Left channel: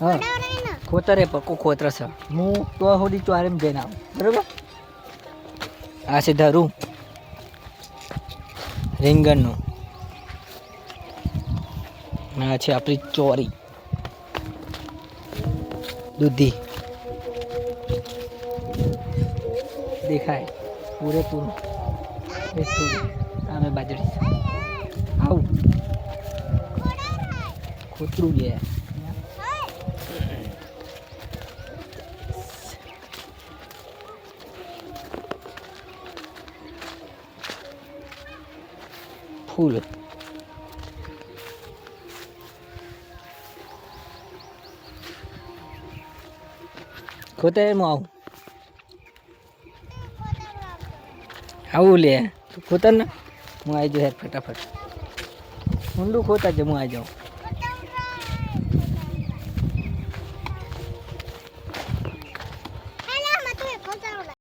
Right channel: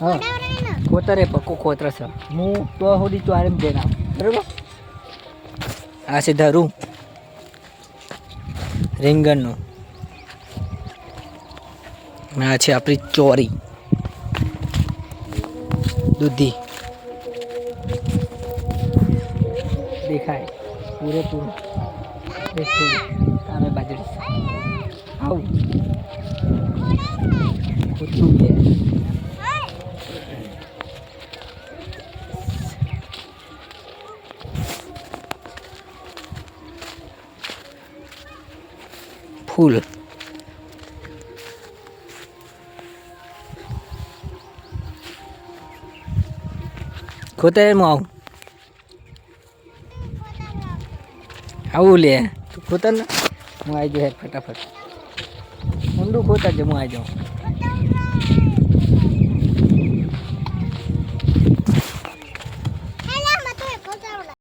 હા ખોતરે પક્કો ખોતર છે હું તો સુધી ચોરે જઈને આવું બરાબર. આ છે ધરું રીંગણનું, આ છે આપણી ચોરી દૂધી દેખાય પૂરેપૂરું. અમે બાજરી આવું ખોતરું લે ફૂલ ખોતરે હું આવું લે તું ખોતર ને હું આવી જાઉં ફટાફટ ઊંડું ખોતા જ હું આવી જાઉં.